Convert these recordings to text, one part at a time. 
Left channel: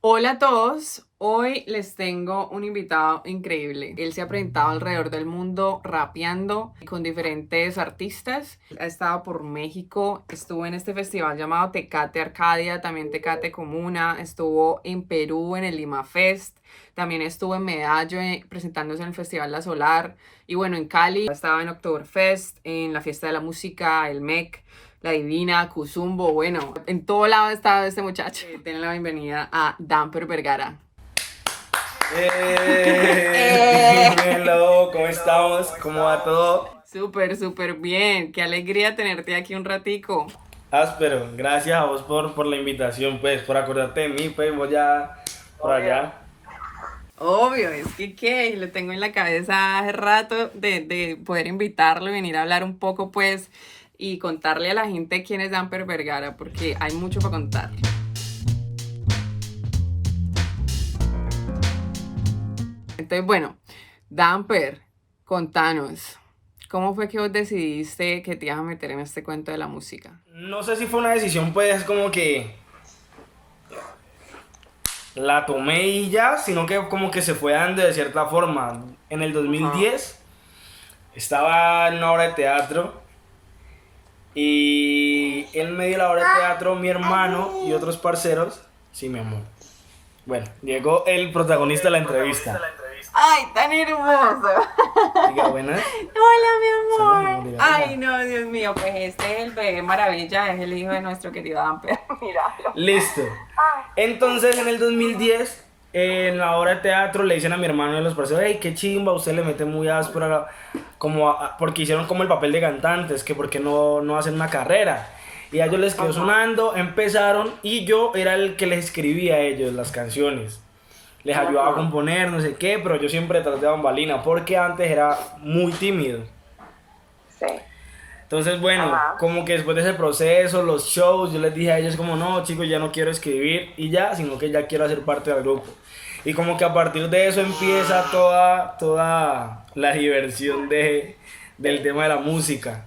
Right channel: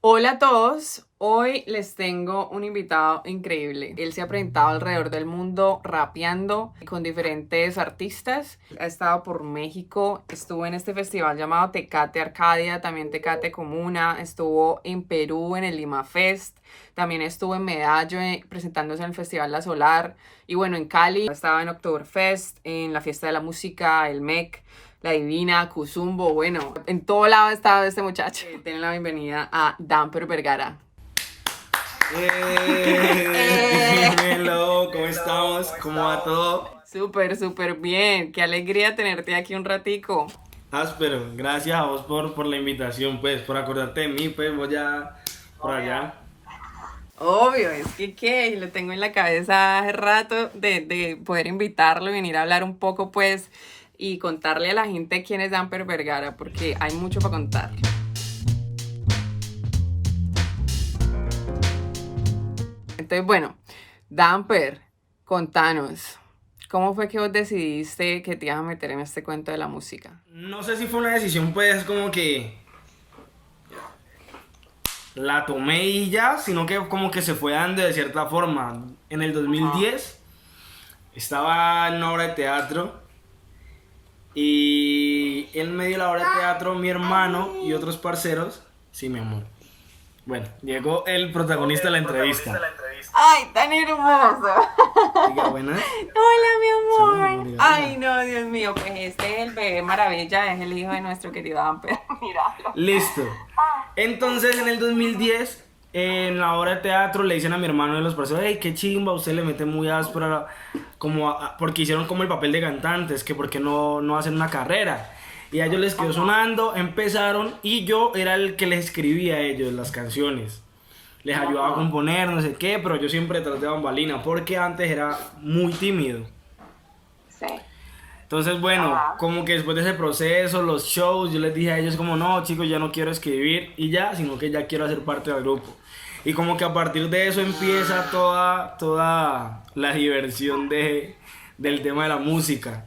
Hola a todos, hoy les tengo un invitado increíble. Él se ha presentado alrededor del mundo rapeando con diferentes artistas. Ha estado por México, estuvo en este festival llamado Tecate Arcadia, también Tecate Comuna, estuvo en Perú en el Lima Fest, también estuvo en Medallo presentándose en el Festival La Solar y bueno, en Cali estaba en Oktoberfest, en la Fiesta de la Música, el MEC. La Divina, Cuzumbo, bueno, en todo lado ha estado este muchacho. Tienen la bienvenida a Damper Vergara. Dímelo, ¿cómo estamos? ¿Cómo va todo? Súper, súper bien. Qué alegría tenerte aquí un ratico. Áspero, gracias a vos por la invitación, pues, por acordarte de mí, pues, voy ya por allá. Obvio, es que qué, lo tengo en la cabeza hace rato de poder invitarlo y venir a hablar un poco, pues, y contarle a la gente quién es Damper Vergara, porque hay mucho para contar. Entonces, bueno, Damper, contanos, ¿cómo fue que vos decidiste que te ibas a meter en este cuento de la música? No sé si fue una decisión, pues, como que la tomé y ya, sino que como que se fue dando de cierta forma. En el Ajá. 2010 estaba en una obra de teatro y en medio de la obra de teatro mi hermano y otros parceros, sí, mi amor. Bueno, llegó el protagonista de la entrevista. ¡Ay, tan hermoso! Diga buenas. Hola, mi Salud, mi amor. amor, diga Ay, hola. no, Dios mío, pues este es el bebé maravilla, es el hijo de nuestro querido Amper. Míralo. Listo. Entonces en el 2010, en la obra de teatro, le dicen a mi hermano de los parceros, hey, qué chimba, usted le mete muy áspero, como porque hicieron como el papel de cantantes, que porque no hacen una carrera. Y a ellos les quedó Ajá, sonando, empezaron y yo era el que les escribía a ellos las canciones. Les ayudaba a ajá, componer, no sé qué, pero yo siempre traté de bambalina, porque antes era muy tímido. sí. Entonces, bueno, como que después de ese proceso, los shows, yo les dije a ellos como, no, chicos, ya no quiero escribir y ya, sino que ya quiero hacer parte del grupo. Y como que a partir de eso empieza toda la diversión del tema de la música.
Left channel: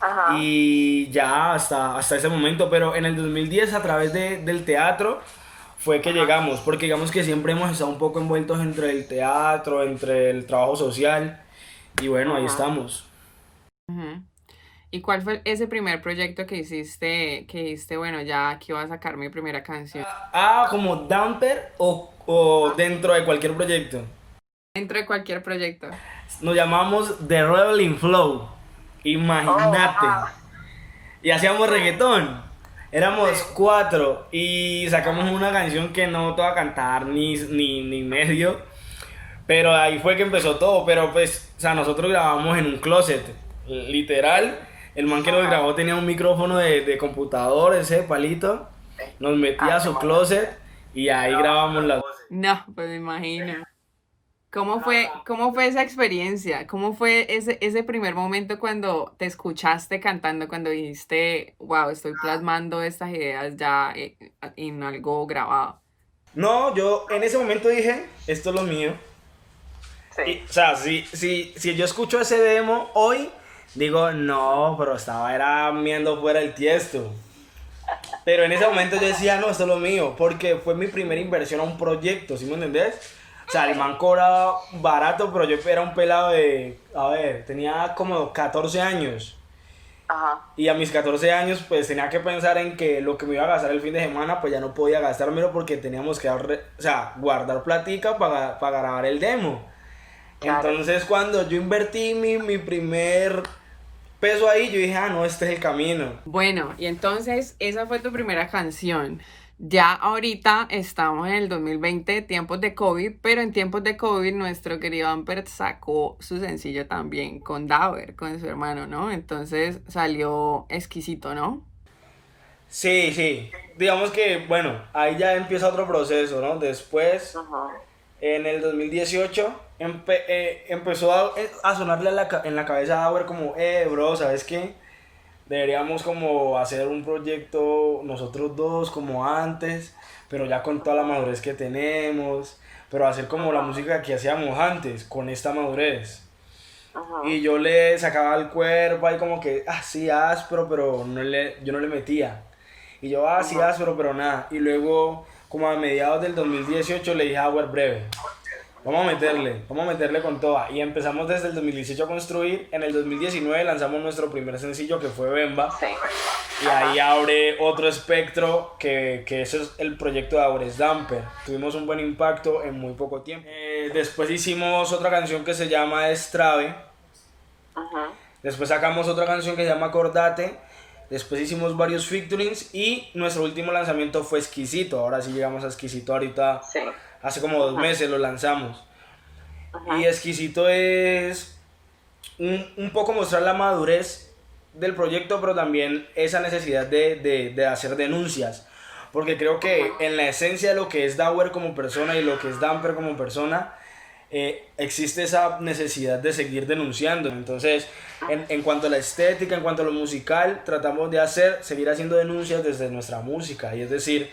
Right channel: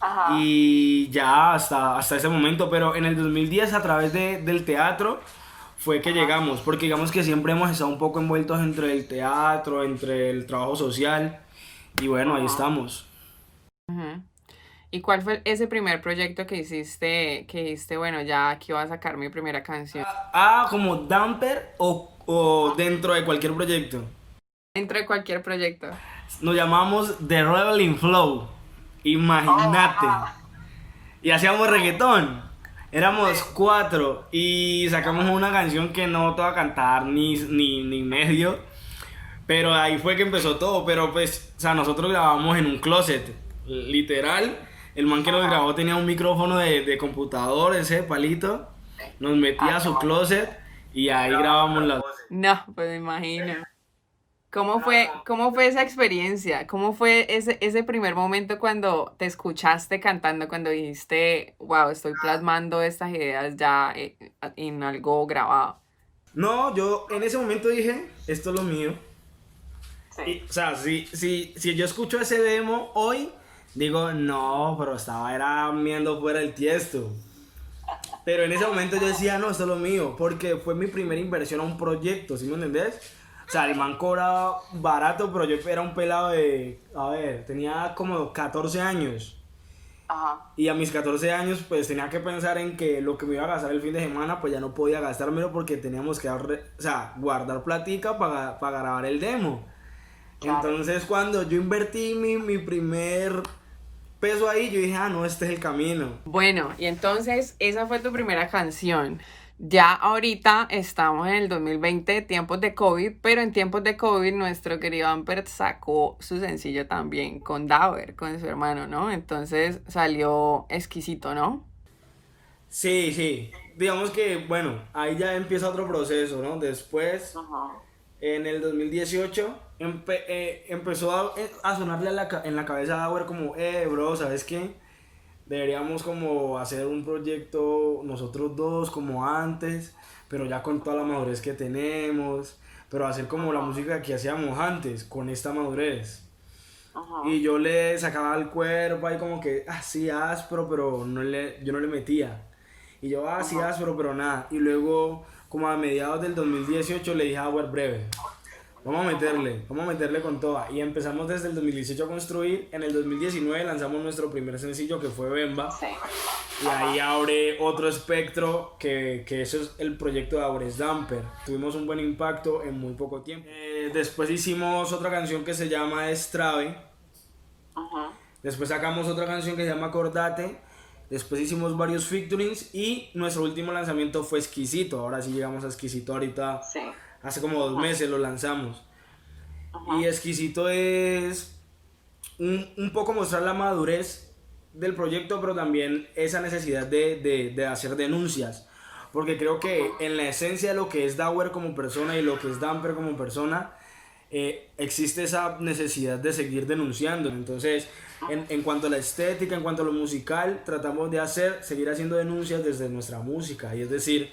Ajá. Y ya hasta ese momento, pero en el 2010 a través del teatro fue que llegamos, porque digamos que siempre hemos estado un poco envueltos entre el teatro, entre el trabajo social, y bueno, ahí Ajá. estamos. Ujú. ¿Y cuál fue ese primer proyecto que hiciste, bueno, ya aquí voy a sacar mi primera canción? Como damper o dentro de cualquier proyecto. Dentro de cualquier proyecto. Nos llamamos The Rebel Flow. Imagínate. Y hacíamos reggaetón. Éramos cuatro y sacamos una canción que no te va a cantar ni medio. Pero ahí fue que empezó todo. Pero pues, o sea, nosotros grabamos en un closet. Literal. El man que nos grabó tenía un micrófono de computador, ese palito. Nos metía a su closet y ahí grabamos las. No, pues me imagino. Cómo fue esa experiencia? ¿Cómo fue ese primer momento cuando te escuchaste cantando, cuando dijiste, wow, estoy plasmando estas ideas ya en algo grabado? No, yo en ese momento dije, esto es lo mío. Y, Sí. o sea, si yo escucho ese demo hoy, digo, no, pero estaba era miando fuera el tiesto. Pero en ese momento yo decía, no, esto es lo mío, porque fue mi primera inversión a un proyecto, ¿sí me entendés? O sea, el man cobraba barato, pero yo era un pelado de, a ver, tenía como 14 años. Ajá. Y a mis 14 años, pues tenía que pensar en que lo que me iba a gastar el fin de semana, pues ya no podía gastármelo porque teníamos que o sea, guardar platica para grabar el demo. Claro. Entonces, cuando yo invertí mi primer peso ahí, yo dije, no, este es el camino. Bueno, y entonces esa fue tu primera canción. Ya ahorita estamos en el 2020, tiempos de COVID, pero en tiempos de COVID nuestro querido Ampert sacó su sencillo también con Dauer, con su hermano, ¿no? Entonces salió exquisito, ¿no? Sí, sí. Digamos que, bueno, ahí ya empieza otro proceso, ¿no? Después, Ajá. en el 2018, empezó a sonarle en la cabeza a Auer como, bro, ¿sabes qué? Deberíamos como hacer un proyecto nosotros dos como antes, pero ya con toda la madurez que tenemos, pero hacer como la música que hacíamos antes, con esta madurez. Y Ajá. yo le sacaba el cuerpo ahí como que, sí, áspero, pero yo no le metía. Y yo, sí, Ajá. áspero, pero nada. Y luego, como a mediados del 2018 le dije a Auer breve. Vamos a meterle con toda. Y empezamos desde el 2018 a construir. En el 2019 lanzamos nuestro primer sencillo que fue Bemba. Sí. Y ahí abre otro espectro que eso es el proyecto de Aures Damper. Tuvimos un buen impacto en muy poco tiempo. Después hicimos otra canción que se llama Estrave. Después sacamos otra canción que se llama Acordate. Después hicimos varios featurings y nuestro último lanzamiento fue Exquisito. Ahora sí llegamos a Exquisito ahorita. Sí. Hace como 2 meses lo lanzamos. Y Exquisito es un poco mostrar la madurez del proyecto, pero también esa necesidad de hacer denuncias. Porque creo que en la esencia de lo que es Dauer como persona y lo que es Damper como persona, existe esa necesidad de seguir denunciando. Entonces, en cuanto a la estética, en cuanto a lo musical, tratamos de seguir haciendo denuncias desde nuestra música. Y es decir,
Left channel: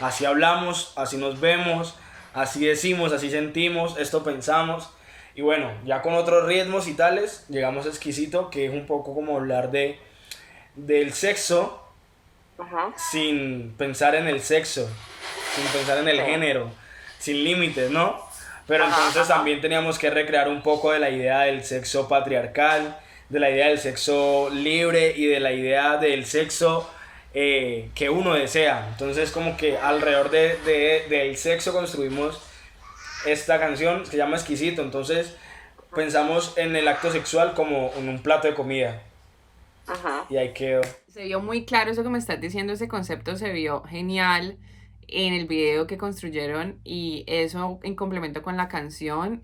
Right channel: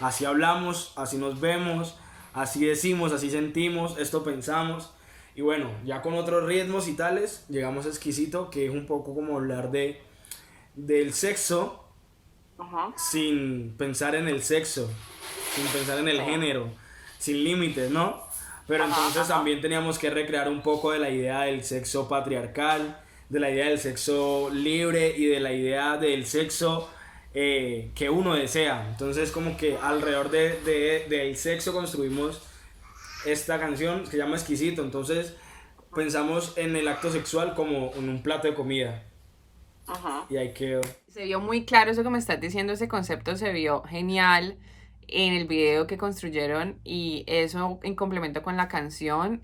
así hablamos, así nos vemos, así decimos, así sentimos, esto pensamos. Y bueno, ya con otros ritmos y tales, llegamos a Exquisito, que es un poco como hablar del sexo, sin pensar en el sexo, sin pensar en el género, sin límites, ¿no? Pero entonces también teníamos que recrear un poco de la idea del sexo patriarcal, de la idea del sexo libre y de la idea del sexo que uno desea. Entonces como que alrededor del sexo construimos esta canción que se llama Exquisito. Entonces pensamos en el acto sexual como en un plato de comida. Y ahí quedó. Se vio muy claro eso que me estás diciendo, ese concepto se vio genial en el video que construyeron y eso en complemento con la canción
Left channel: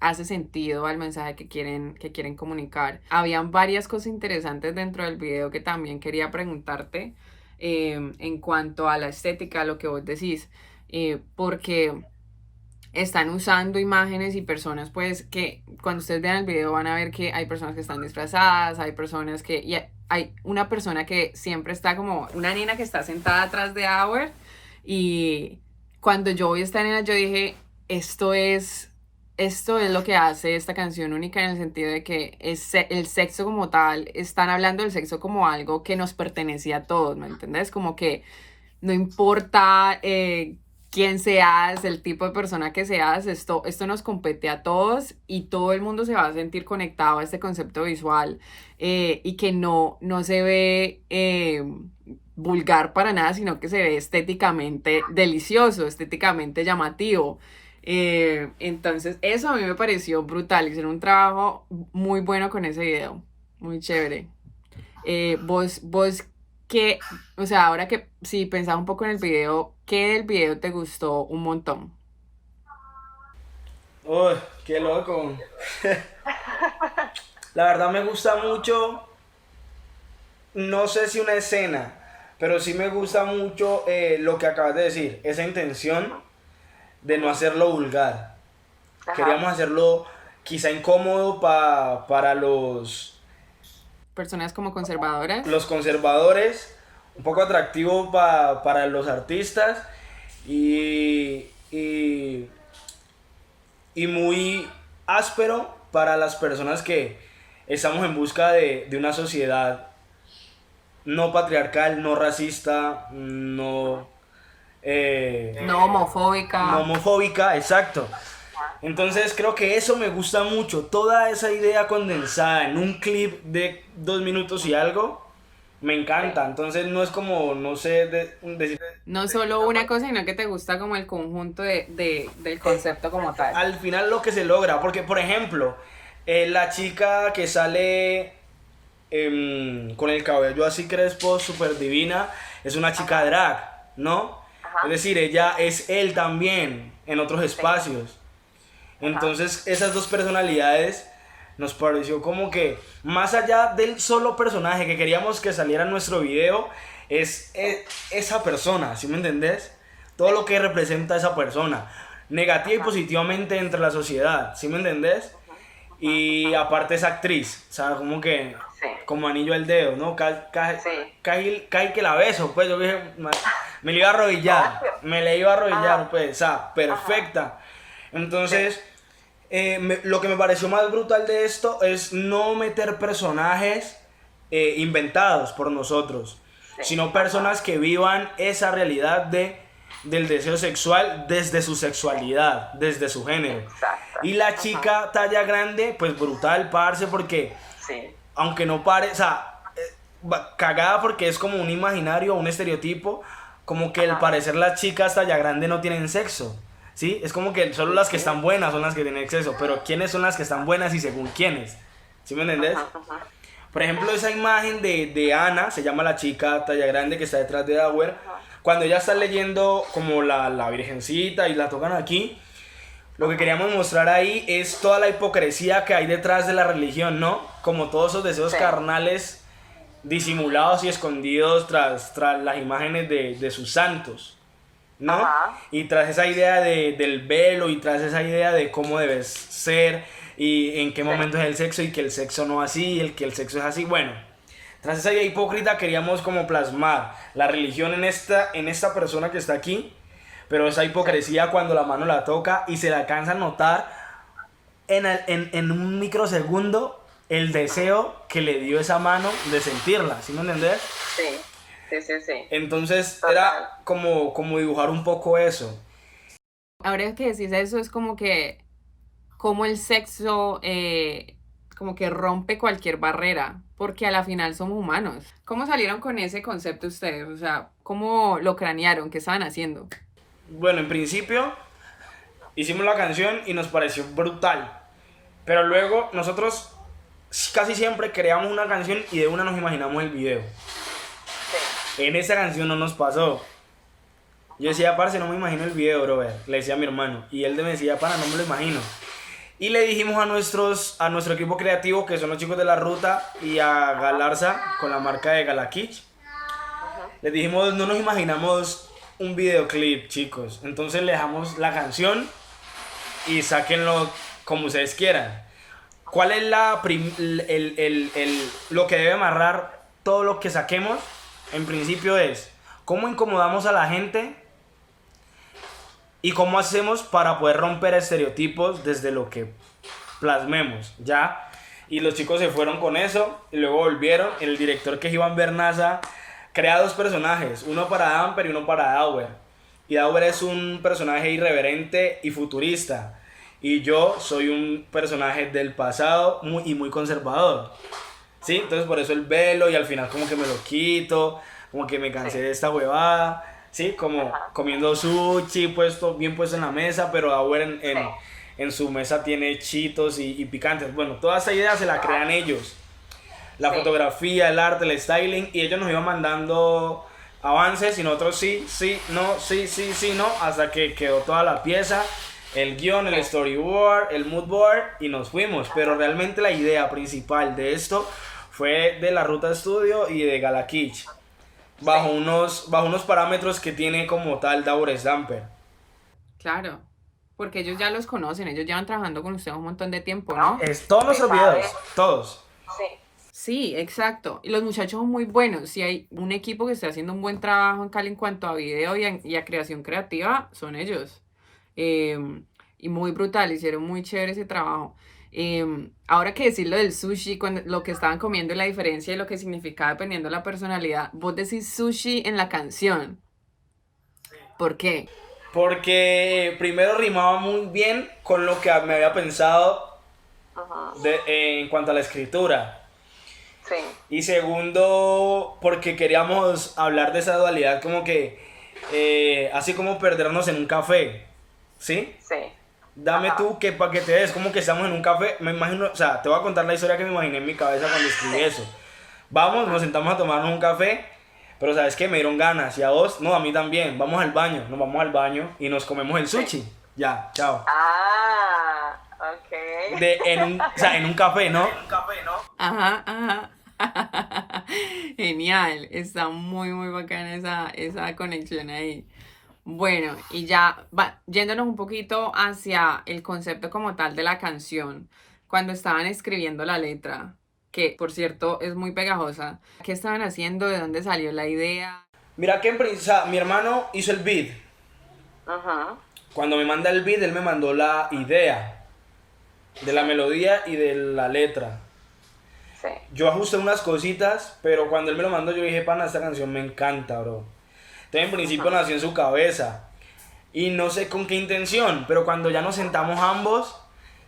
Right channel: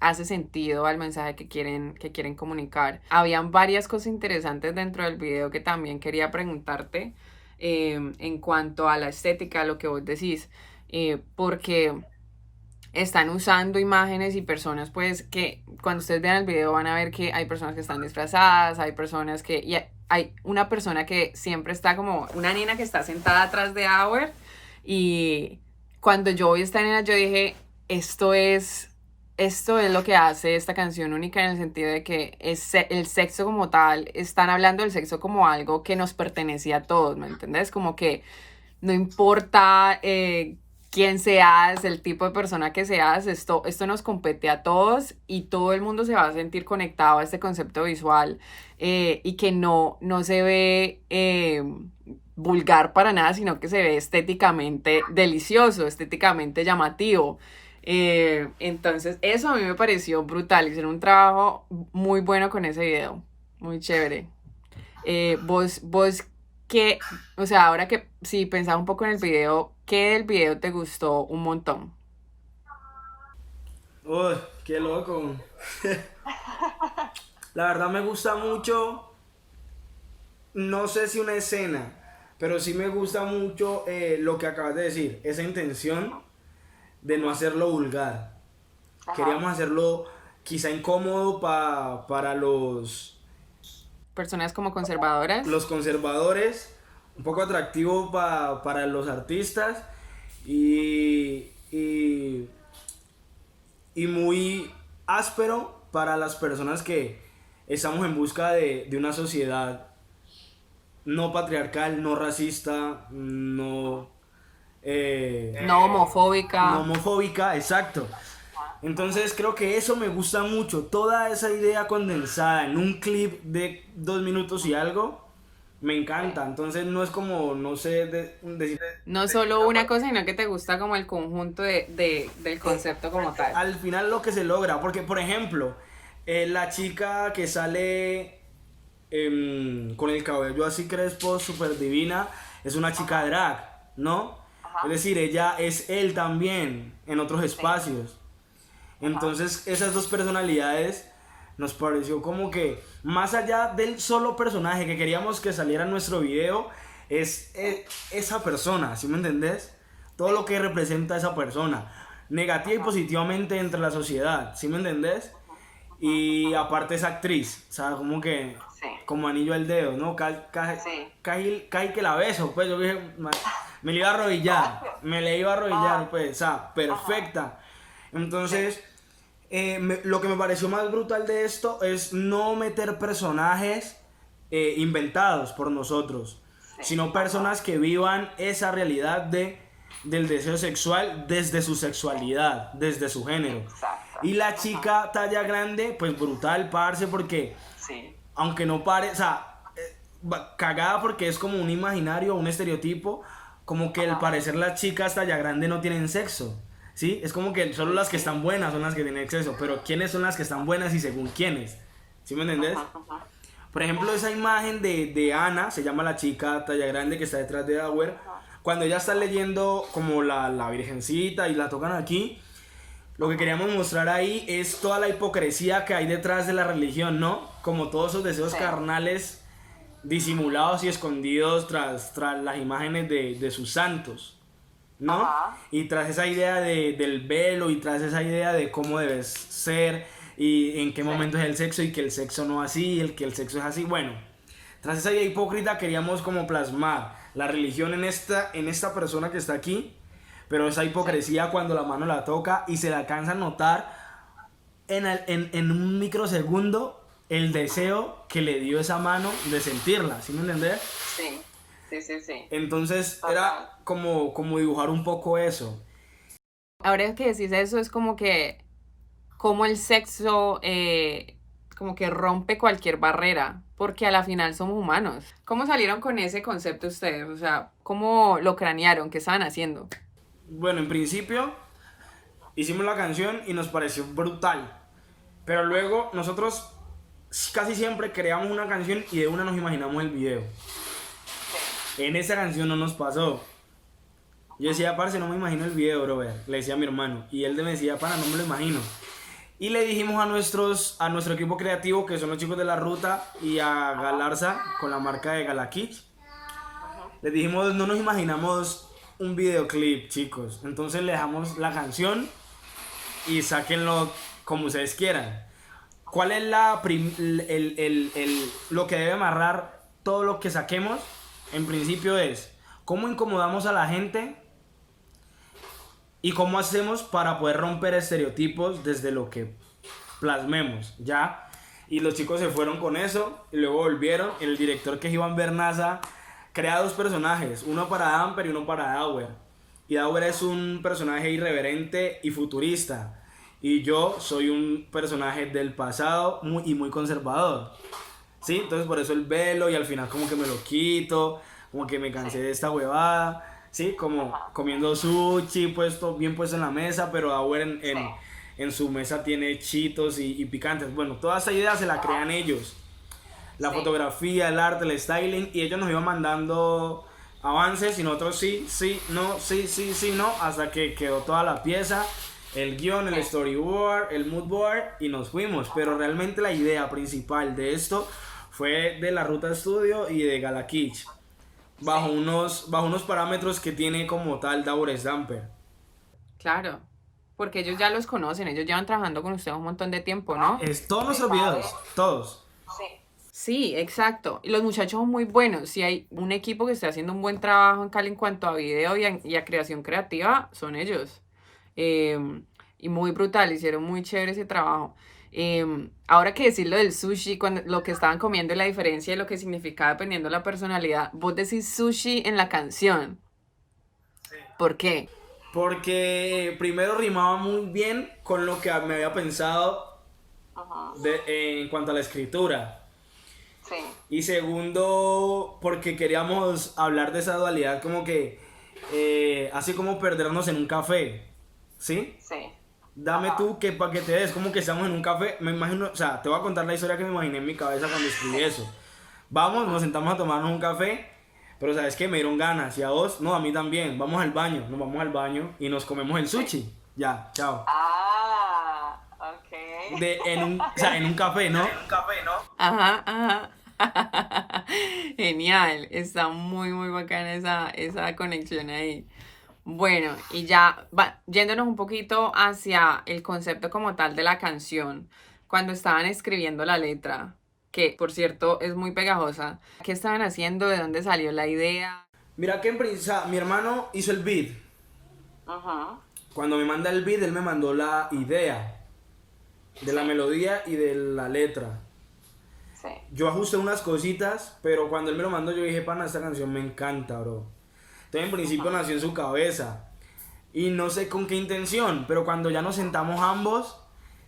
hace sentido al mensaje que quieren comunicar. Habían varias cosas interesantes dentro del video que también quería preguntarte en cuanto a la estética, lo que vos decís, porque están usando imágenes y personas pues que cuando ustedes vean el video van a ver que hay personas que están disfrazadas, hay personas que... Y hay una persona que siempre está como... Una nena que está sentada atrás de Auer y cuando yo vi a esta nena yo dije, esto es lo que hace esta canción única en el sentido de que es el sexo como tal, están hablando del sexo como algo que nos pertenece a todos, ¿me entendés? Como que no importa quién seas, el tipo de persona que seas, esto nos compete a todos y todo el mundo se va a sentir conectado a este concepto visual y que no se ve vulgar para nada, sino que se ve estéticamente delicioso, estéticamente llamativo. Entonces eso a mí me pareció brutal, hicieron un trabajo muy bueno con ese video, muy chévere. Vos ¿qué, o sea, ahora que si pensaba un poco en el video, qué del video te gustó un montón? Uy, qué loco. La verdad me gusta mucho, no sé si una escena, pero sí me gusta mucho lo que acabas de decir, esa intención de no hacerlo vulgar. Queríamos hacerlo quizá incómodo para los Personas como conservadoras. conservadores, un poco atractivo para los artistas y muy áspero para las personas que estamos en busca de una sociedad no patriarcal, no racista, no homofóbica. no homofóbica, exacto. Entonces creo que eso me gusta mucho, toda esa idea condensada en un clip de 2 minutos y algo, me encanta. Entonces no es como, no sé, decir... No solo una cosa, sino que te gusta como el conjunto del concepto como tal. Al final lo que se logra, porque por ejemplo, la chica que sale con el cabello así crespo, súper divina, es una chica drag, ¿no? Es decir, ella es él también en otros espacios. Entonces esas dos personalidades nos pareció como que más allá del solo personaje que queríamos que saliera en nuestro video, es esa persona, ¿sí me entendés? Todo lo que representa esa persona, negativa y positivamente entre la sociedad, ¿sí me entendés? Y aparte es actriz, o sea, como que como anillo al dedo, ¿no? Casi que la beso, pues yo dije, me le iba a arrodillar, pues, o sea, perfecta. Entonces, lo que me pareció más brutal de esto es no meter personajes inventados por nosotros, sino personas que vivan esa realidad de del deseo sexual desde su sexualidad, desde su género. Exacto. Y la chica talla grande, pues brutal, parce, porque Sí. aunque no pare, o sea, cagada porque es como un imaginario, un estereotipo, como que al parecer las chicas talla grande no tienen sexo, ¿sí? Es como que solo las que están buenas son las que tienen sexo, pero ¿quiénes son las que están buenas y según quiénes? ¿Sí me entendés? Por ejemplo, esa imagen de Ana, se llama la chica talla grande que está detrás de Dauer, cuando ella está leyendo como la Virgencita y la tocan aquí, lo que queríamos mostrar ahí es toda la hipocresía que hay detrás de la religión, ¿no? Como todos esos deseos carnales disimulados y escondidos tras las imágenes de sus santos, ¿no? Ajá. Y tras esa idea del velo y tras esa idea de cómo debes ser y en qué momento es el sexo y que el sexo no así, el que el sexo es así, bueno. Tras esa idea hipócrita queríamos como plasmar la religión en esta persona que está aquí, pero esa hipocresía cuando la mano la toca y se la alcanza a notar en un microsegundo el deseo que le dio esa mano de sentirla, ¿sí me entendés? Sí, sí, sí, sí. Entonces Total. era como dibujar un poco eso. Ahora que decís eso, es como que, como el sexo, como que rompe cualquier barrera, porque a la final somos humanos. ¿Cómo salieron con ese concepto ustedes? O sea, ¿cómo lo cranearon? ¿Qué estaban haciendo? Bueno, en principio hicimos la canción y nos pareció brutal, pero luego nosotros casi siempre creamos una canción y de una nos imaginamos el video. En esa canción no nos pasó. Yo decía, parce, no me imagino el video, brother. Le decía a mi hermano. Y él me decía, pana, no me lo imagino. Y le dijimos a nuestro equipo creativo, que son los chicos de La Ruta, y a Galarza, con la marca de Galakich. Les dijimos, no nos imaginamos un videoclip, chicos. Entonces le dejamos la canción y sáquenlo como ustedes quieran. ¿Cuál es lo que debe amarrar todo lo que saquemos? En principio es cómo incomodamos a la gente y cómo hacemos para poder romper estereotipos desde lo que plasmemos, ¿ya? Y los chicos se fueron con eso y luego volvieron. El director, que es Iván Bernaza, crea dos personajes, uno para Damper y uno para Dauer. Y Dauer es un personaje irreverente y futurista, y yo soy un personaje del pasado muy conservador, ¿sí? Entonces por eso el velo, y al final como que me lo quito, como que me cansé de esta huevada, ¿sí? Como comiendo sushi bien puesto en la mesa, pero Dauer en su mesa tiene chitos y picantes. Bueno, toda esa idea se la crean ellos. La fotografía, el arte, el styling, y ellos nos iban mandando avances y nosotros sí, no, hasta que quedó toda la pieza, el guión, el storyboard, el moodboard, y nos fuimos. Pero realmente la idea principal de esto fue de La Ruta Studio y de Galakich, bajo unos parámetros que tiene como tal Dauer Stamper. Claro, porque ellos ya los conocen, ellos llevan trabajando con ustedes un montón de tiempo, ¿no? Es todos nuestros videos, todos. Sí. Sí, exacto. Y los muchachos son muy buenos. Si hay un equipo que está haciendo un buen trabajo en Cali en cuanto a video y a creación creativa, son ellos. Y muy brutal, hicieron muy chévere ese trabajo. Ahora que decir lo del sushi, cuando lo que estaban comiendo y la diferencia de lo que significaba dependiendo de la personalidad, vos decís sushi en la canción. ¿Por qué? Porque primero rimaba muy bien con lo que me había pensado en cuanto a la escritura. Sí. Y segundo, porque queríamos hablar de esa dualidad, como que así como perdernos en un café, ¿sí? Sí. Dame tú que para que te des, como que estamos en un café, me imagino, o sea, te voy a contar la historia que me imaginé en mi cabeza cuando escribí eso. Vamos, nos sentamos a tomarnos un café, pero ¿sabes qué? Me dieron ganas, y a vos, no, a mí también, vamos al baño, nos vamos al baño y nos comemos el sushi. Ya, chao. Ah, ok. O sea, en un café, ¿no? Ajá, ajá. Genial, está muy bacana esa conexión ahí. Bueno, y ya yéndonos un poquito hacia el concepto como tal de la canción, cuando estaban escribiendo la letra, que por cierto es muy pegajosa, ¿qué estaban haciendo? ¿De dónde salió la idea? Mira que o sea, mi hermano hizo el beat. Ajá. Cuando me manda el beat, él me mandó la idea de la melodía y de la letra. Sí. Yo ajusté unas cositas, pero cuando él me lo mandó yo dije, pana, esta canción me encanta, bro. Entonces en principio nació en su cabeza. y no sé con qué intención, pero cuando ya nos sentamos ambos,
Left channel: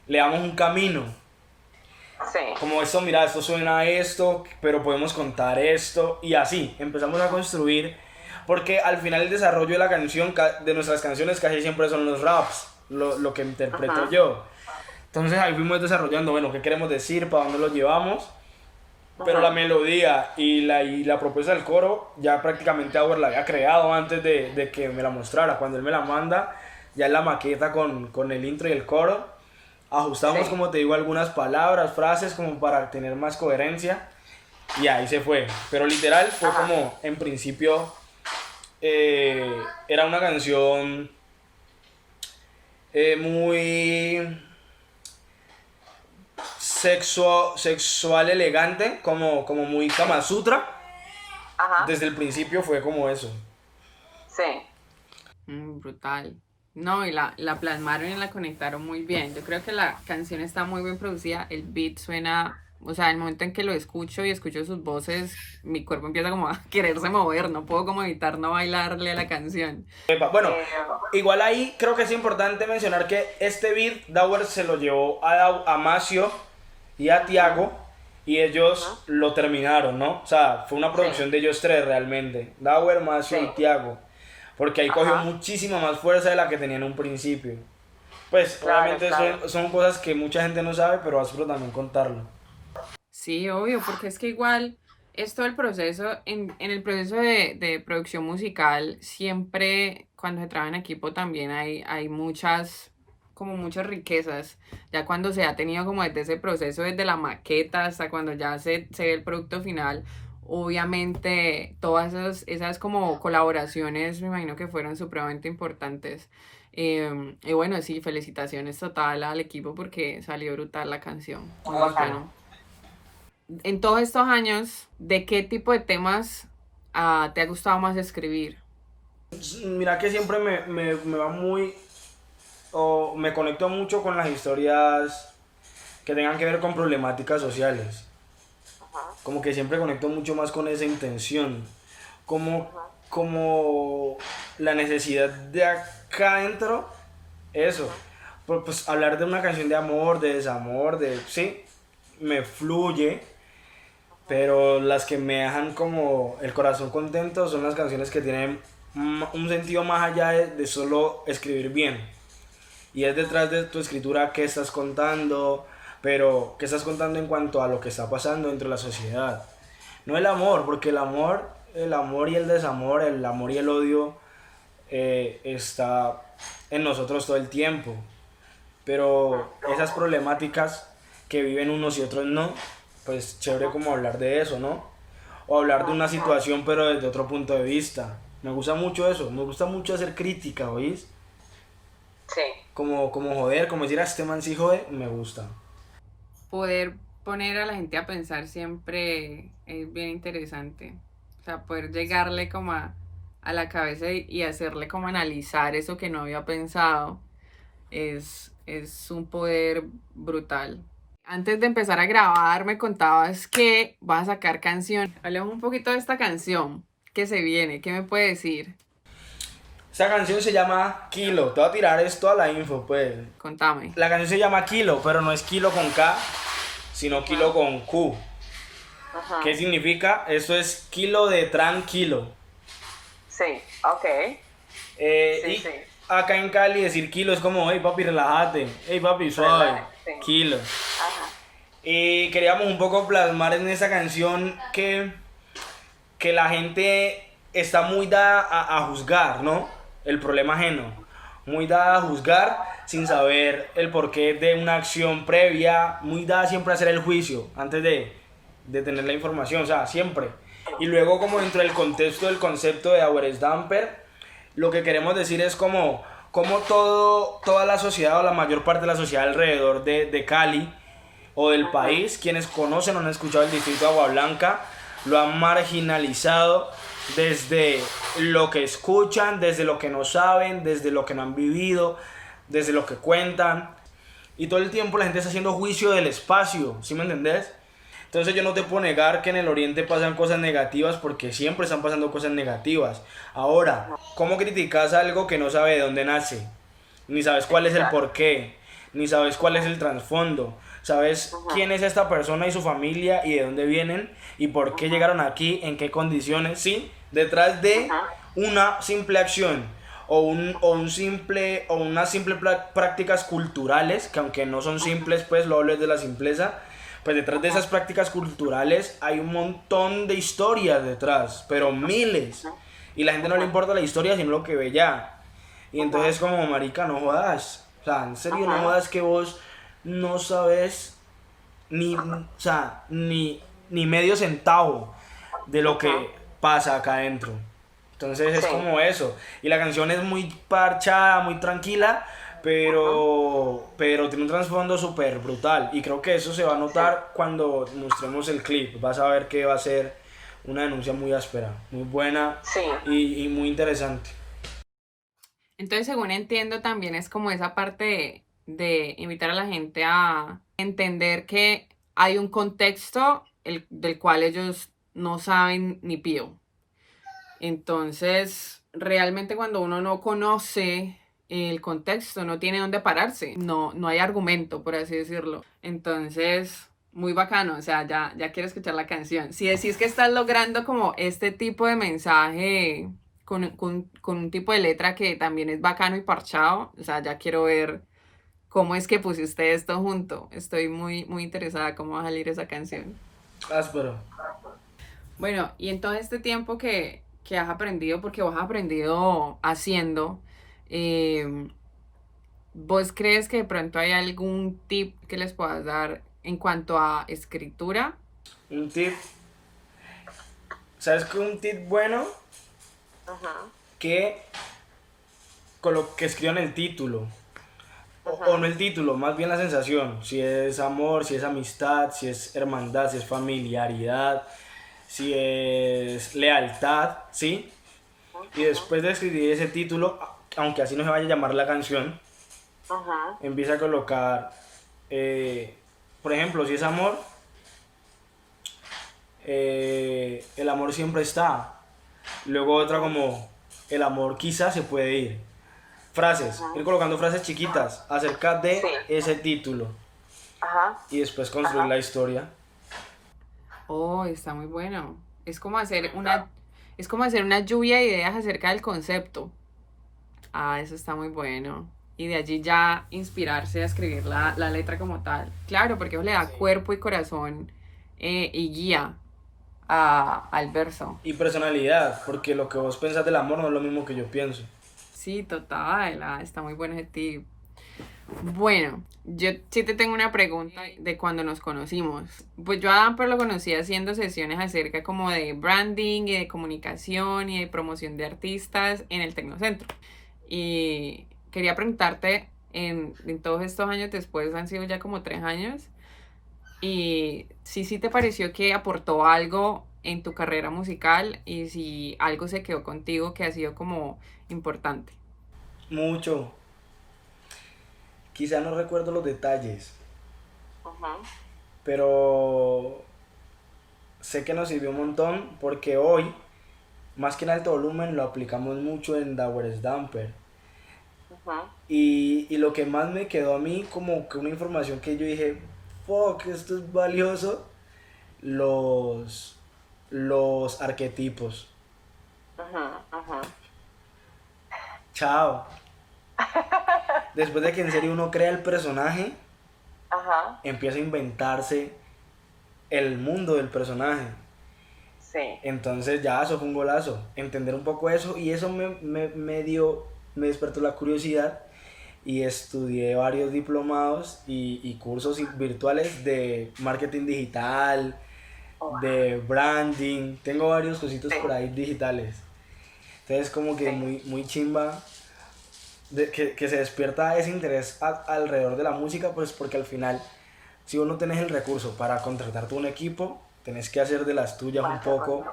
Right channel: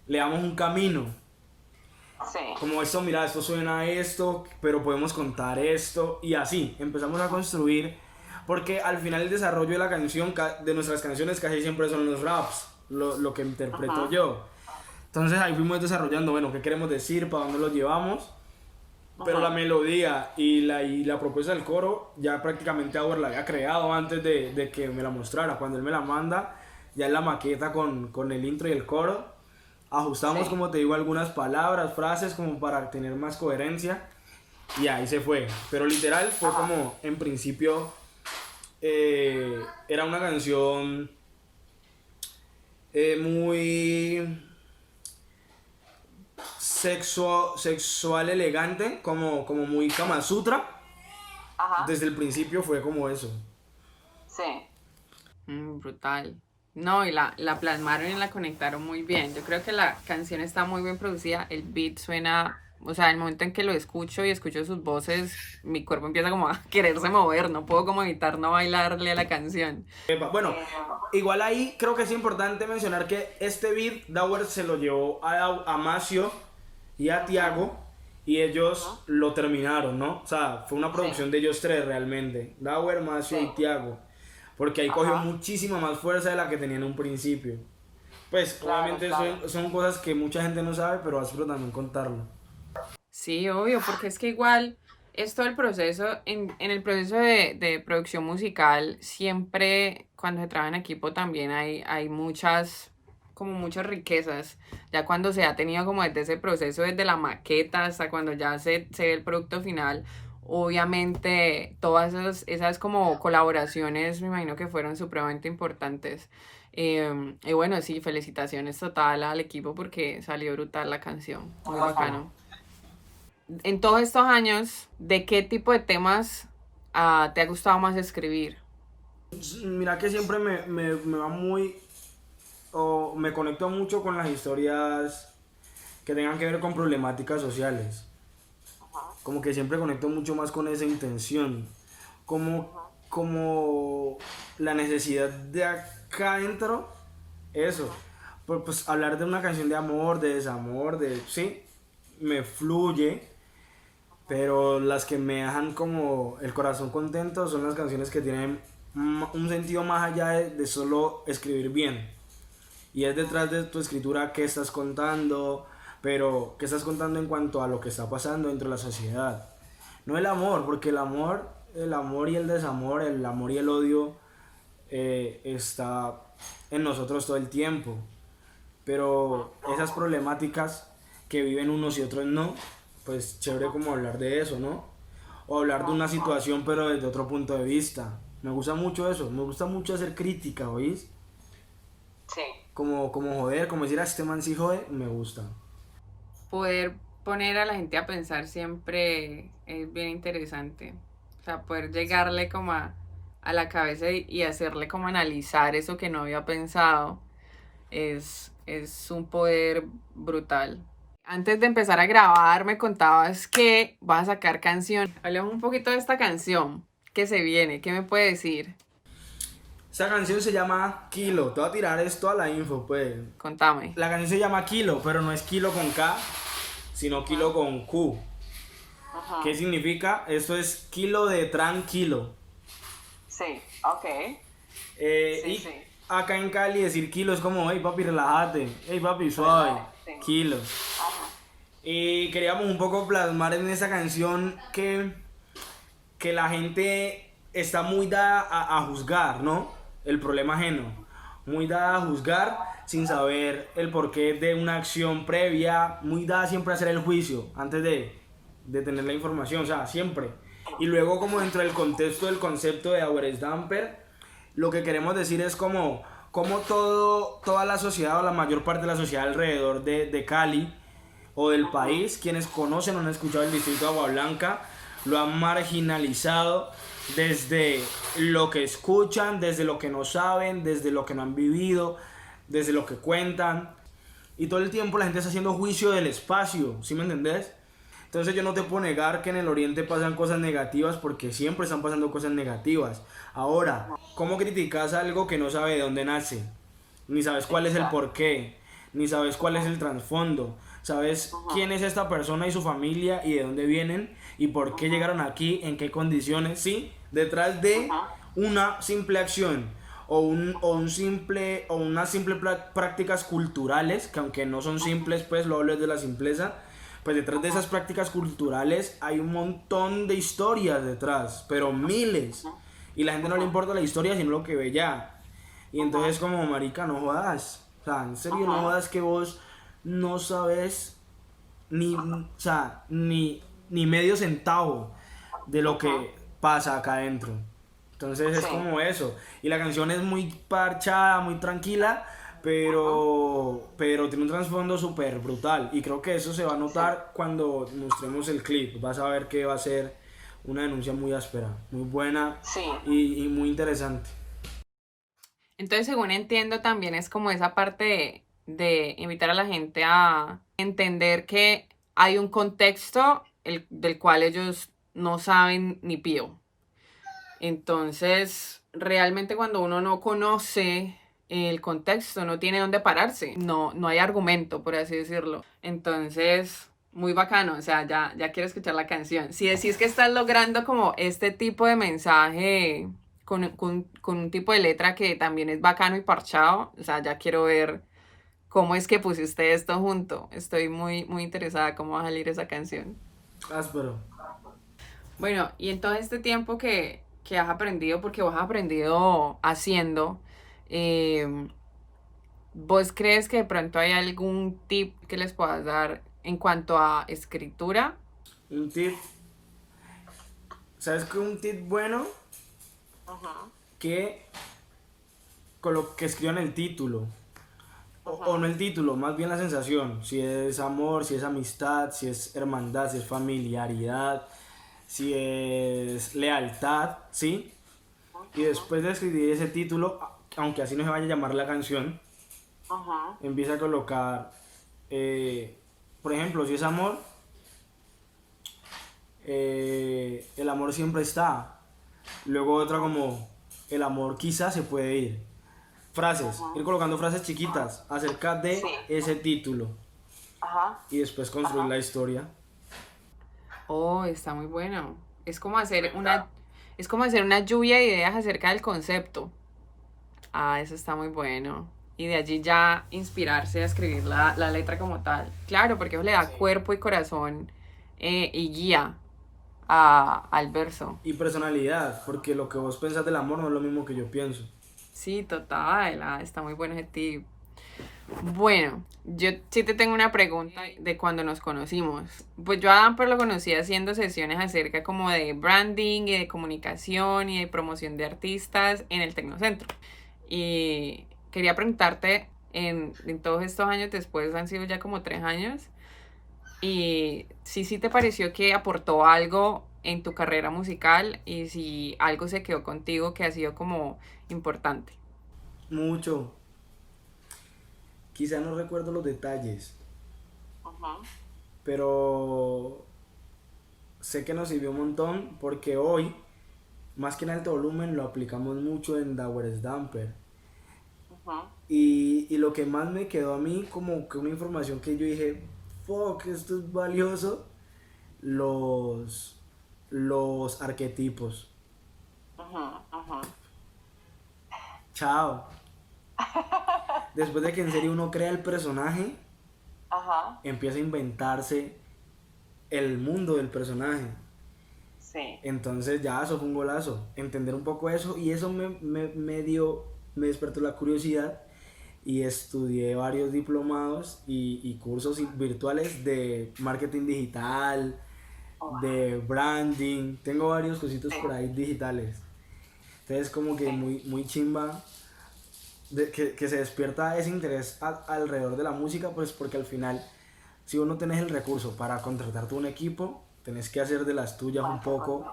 le damos un camino. Sí. Como esto, mira, esto suena a esto, pero podemos contar esto, y así empezamos a construir, porque al final el desarrollo de la canción, de nuestras canciones casi siempre son los raps, lo que interpreto Ajá. yo. Entonces ahí fuimos desarrollando, bueno, qué queremos decir, para dónde lo llevamos, pero Ajá. la melodía y la propuesta del coro ya prácticamente Auer la había creado antes de que me la mostrara. Cuando él me la manda, ya en la maqueta con el intro y el coro, ajustamos, Sí. como te digo, algunas palabras, frases como para tener más coherencia, y ahí se fue. Pero literal fue Ajá. como, en principio, era una canción muy sexual elegante, como muy Kama Sutra. Ajá. Desde el principio fue como eso. Sí. Brutal. No, y la plasmaron y la conectaron muy bien. Yo creo que la canción está muy bien producida. El beat suena, o sea, el momento en que lo escucho y escucho sus voces, mi cuerpo empieza como a quererse mover. No puedo como evitar no bailarle a la canción. Bueno, Eh, igual ahí creo que es importante mencionar que este beat Dauer se lo llevó a Macio y a Tiago, y ellos lo terminaron, ¿no? O sea, fue una producción de ellos tres realmente, Dauer, Macio Sí. y Tiago, porque ahí cogió Ajá. muchísima más fuerza de la que tenía en un principio. Pues Claro, obviamente claro. son cosas que mucha gente no sabe, pero vas también contarlo. Sí, obvio, porque es que igual es todo el proceso, en el proceso de producción musical, siempre cuando se trabaja en equipo también hay muchas, como muchas riquezas. Ya cuando se ha tenido como desde ese proceso, desde la maqueta hasta cuando ya se ve el producto final, obviamente todas esas como colaboraciones me imagino que fueron supremamente importantes. Y bueno, sí, felicitaciones total al equipo porque salió brutal la canción. Muy bacano. En todos estos años, ¿de qué tipo de temas te ha gustado más escribir? Mira que siempre me va muy, o me conecto mucho con las historias que tengan que ver con problemáticas sociales. Como que siempre conecto mucho más con esa intención. Como, como la necesidad de acá adentro, eso. Pues hablar de una canción de amor, de desamor, sí, me fluye. Pero las que me dejan como el corazón contento son las canciones que tienen un sentido más allá de solo escribir bien. Y es detrás de tu escritura qué estás contando, pero qué estás contando en cuanto a lo que está pasando dentro de la sociedad. No el amor, porque el amor y el desamor, el amor y el odio está en nosotros todo el tiempo. Pero esas problemáticas que viven unos y otros no, pues chévere como hablar de eso, ¿no? O hablar de una situación pero desde otro punto de vista. Me gusta mucho eso, me gusta mucho hacer crítica, ¿oís? Sí. Como joder, como decir a este man sí jode, me gusta. Poder poner a la gente a pensar siempre es bien interesante. O sea, poder llegarle como a la cabeza y hacerle como analizar eso que no había pensado es un poder brutal. Antes de empezar a grabar, me contabas que vas a sacar canción. Hablemos un poquito de esta canción que se viene. ¿Qué me puede decir? Esa canción se llama Kilo, te voy a tirar esto a la info, pues. Contame. La canción se llama Kilo, pero no es kilo con K, sino kilo con Q. Ajá. ¿Qué significa? Eso es kilo de tranquilo. Sí. Ok. Sí, Y sí. acá en Cali decir kilo es como, hey papi, relájate, hey papi, suave, Sí. kilo. Ajá. Y queríamos un poco plasmar en esa canción que la gente está muy dada a juzgar, ¿no? El problema ajeno. Muy dada a juzgar sin saber el porqué de una acción previa. Muy dada siempre a hacer el juicio antes de tener la información, o sea, siempre. Y luego como dentro del contexto del concepto de Our Damper, lo que queremos decir es como toda la sociedad o la mayor parte de la sociedad alrededor de Cali o del país, quienes conocen o han escuchado el distrito de Agua Blanca, lo han marginalizado desde lo que escuchan, desde lo que no saben, desde lo que no han vivido, desde lo que cuentan. Y todo el tiempo la gente está haciendo juicio del espacio, ¿sí me entendés? Entonces yo no te puedo negar que en el Oriente pasan cosas negativas porque siempre están pasando cosas negativas. Ahora, ¿cómo criticas algo que no sabe de dónde nace? Ni sabes cuál es el porqué, ni sabes cuál es el trasfondo, sabes quién es esta persona y su familia y de dónde vienen y por qué llegaron aquí, en qué condiciones, sí, detrás de una simple acción o unas simples prácticas culturales, que aunque no son simples, pues lo hablo de la simpleza, pues detrás de esas prácticas culturales hay un montón de historias detrás, pero miles, y la gente no le importa la historia sino lo que ve ya. Y entonces como marica, no jodas. O sea, en serio, no jodas que vos no sabes ni, o sea, ni medio centavo de lo que pasa acá adentro. Entonces es como eso. Y la canción es muy parchada, muy tranquila, pero tiene un trasfondo súper brutal. Y creo que eso se va a notar cuando mostremos el clip. Vas a ver que va a ser una denuncia muy áspera, muy buena y muy interesante. Entonces, según entiendo, también es como esa parte de invitar a la gente a entender que hay un contexto del cual ellos no saben ni pío. Entonces, realmente cuando uno no conoce el contexto, no tiene dónde pararse, no hay argumento, por así decirlo. Entonces, muy bacano, o sea, ya quiero escuchar la canción. Si decís que estás logrando como este tipo de mensaje con un tipo de letra que también es bacano y parchado, o sea, ya quiero ver cómo es que pusiste esto junto. Estoy muy interesada cómo va a salir esa canción. Áspero. Bueno, y en todo este tiempo que has aprendido, porque vos has aprendido haciendo, eh, ¿vos crees que de pronto hay algún tip que les puedas dar en cuanto a escritura? Un tip. ¿Sabes qué? Un tip bueno que con lo que escriban el título. O no el título, más bien la sensación. Si es amor, si es amistad, si es hermandad, si es familiaridad, si es lealtad, ¿sí? Y después de escribir ese título, aunque así no se vaya a llamar la canción, empieza a colocar, por ejemplo, si es amor, el amor siempre está. Luego otra como, el amor quizás se puede ir. Frases, ir colocando frases chiquitas acerca de ese título. Y después construir la historia. Oh, está muy bueno. Es como hacer una lluvia de ideas acerca del concepto. Ah, eso está muy bueno. Y de allí ya inspirarse a escribir la letra como tal. Claro, porque eso le da cuerpo y corazón y guía al verso. Y personalidad, porque lo que vos pensás del amor no es lo mismo que yo pienso. Sí, total. Está muy bueno ese tip. Bueno, yo sí te tengo una pregunta de cuando nos conocimos. Pues yo a Damper lo conocí haciendo sesiones acerca como de branding y de comunicación y de promoción de artistas en el Tecnocentro. Y quería preguntarte, en todos estos años después, han sido ya como 3 años, y si sí te pareció que aportó algo en tu carrera musical y si algo se quedó contigo que ha sido como importante. Mucho. Quizá no recuerdo los detalles, pero sé que nos sirvió un montón porque hoy, más que en alto volumen, lo aplicamos mucho en Dauer Damper. Y lo que más me quedó a mí como que una información que yo dije, fuck, esto es valioso, los arquetipos. Chao. Después de que en serio uno crea el personaje, empieza a inventarse el mundo del personaje. Entonces ya eso fue un golazo, entender un poco eso, y eso me despertó la curiosidad y estudié varios diplomados y cursos virtuales de marketing digital, de branding. Tengo varios cositos por ahí digitales. Entonces como que muy chimba que se despierta ese interés alrededor de la música, pues porque al final, si vos no tenés el recurso para contratarte un equipo, tenés que hacer de las tuyas un poco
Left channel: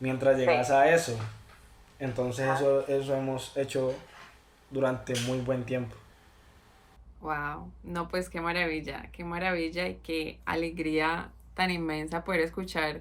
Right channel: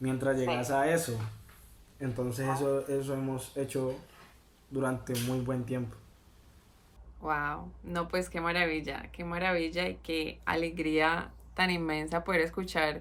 mientras llegas a eso. Entonces eso hemos hecho durante muy buen tiempo. Wow, no, pues qué maravilla y qué alegría tan inmensa poder escuchar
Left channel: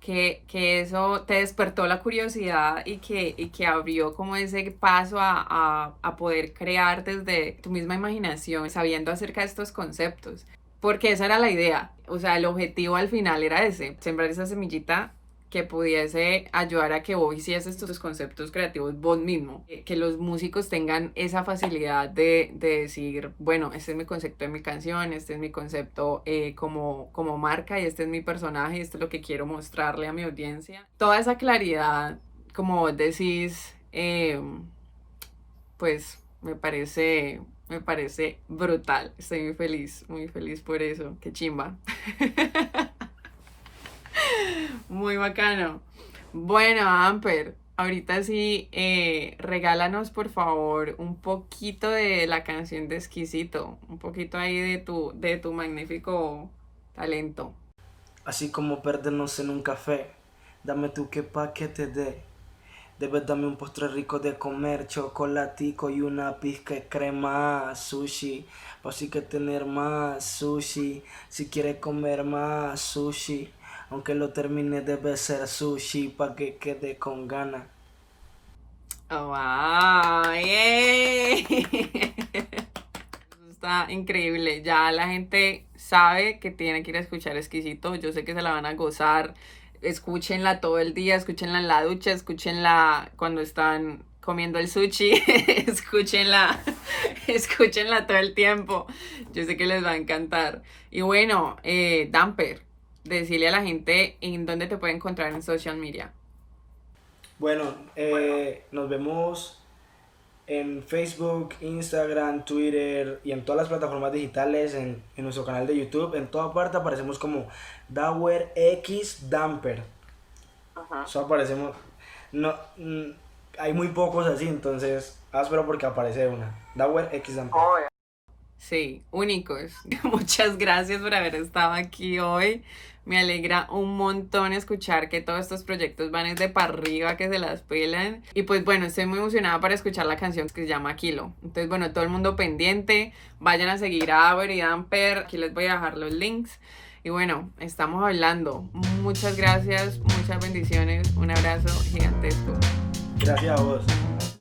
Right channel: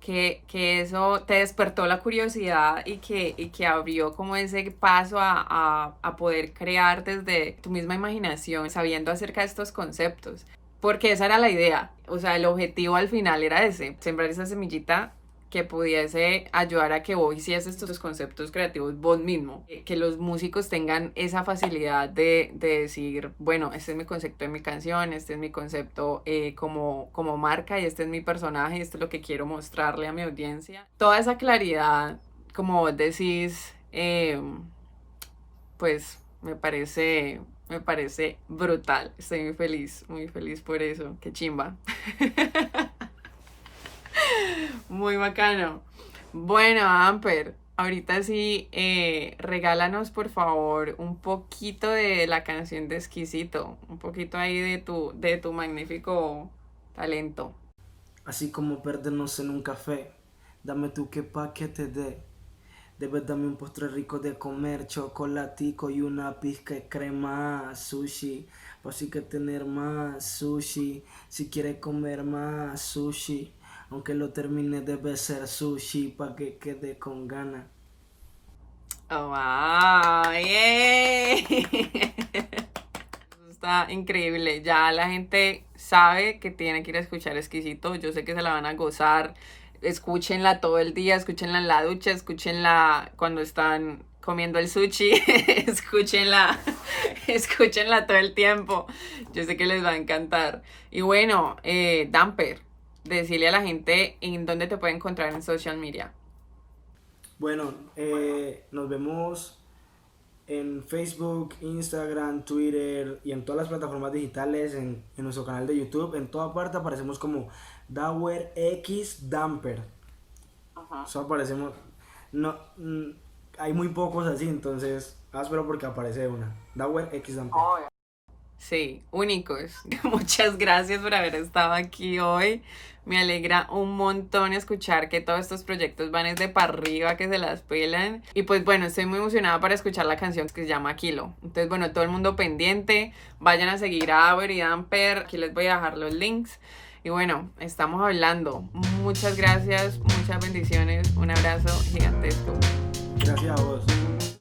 que eso te despertó la curiosidad y que abrió como ese paso a poder crear desde tu misma imaginación, sabiendo acerca de estos conceptos. Porque esa era la idea, o sea, el objetivo al final era ese, sembrar esa semillita que pudiese ayudar a que vos hicieses tus conceptos creativos vos mismo, que los músicos tengan esa facilidad de decir, bueno, este es mi concepto de mi canción, este es mi concepto como marca y este es mi personaje, esto es lo que quiero mostrarle a mi audiencia. Toda esa claridad, como vos decís, pues me parece brutal. Estoy muy feliz por eso. Qué chimba. Muy bacano. Bueno, Amper, ahorita sí, regálanos por favor un poquito de la canción de Exquisito, un poquito ahí de tu magnífico talento. Así como perdernos en un café, dame tú que pa' que te dé. Debes darme un postre rico de comer, chocolatico y una pizca de crema, sushi. Así que tener más sushi, si quieres comer más sushi. Aunque lo termine debe ser sushi pa' que quede con ganas. Oh, wow, ¡yay! Eso está increíble. Ya la gente sabe que tiene que ir a escuchar Exquisito. Yo sé que se la van a gozar. Escúchenla todo el día, escúchenla en la ducha, escúchenla cuando están comiendo el sushi, escúchenla todo el tiempo. Yo sé que les va a encantar. Y bueno, Damper, decirle a la gente en dónde te puede encontrar en social media. Bueno, nos vemos en Facebook, Instagram, Twitter y en todas las plataformas digitales, en nuestro canal de YouTube. En toda parte aparecemos como Dower X Damper. Eso aparecemos. No, hay muy pocos así, entonces áspero porque aparece una. Dower X Damper. Sí, únicos. Muchas gracias por haber estado aquí hoy. Me alegra un montón escuchar que todos estos proyectos van desde para arriba, que se las pelan. Y pues bueno, estoy muy emocionada para escuchar la canción que se llama Kilo. Entonces bueno, todo el mundo pendiente. Vayan a seguir a Dower y Damper. Aquí les voy a dejar los links. Y bueno, estamos hablando. Muchas gracias, muchas bendiciones. Un abrazo gigantesco. Gracias a vos.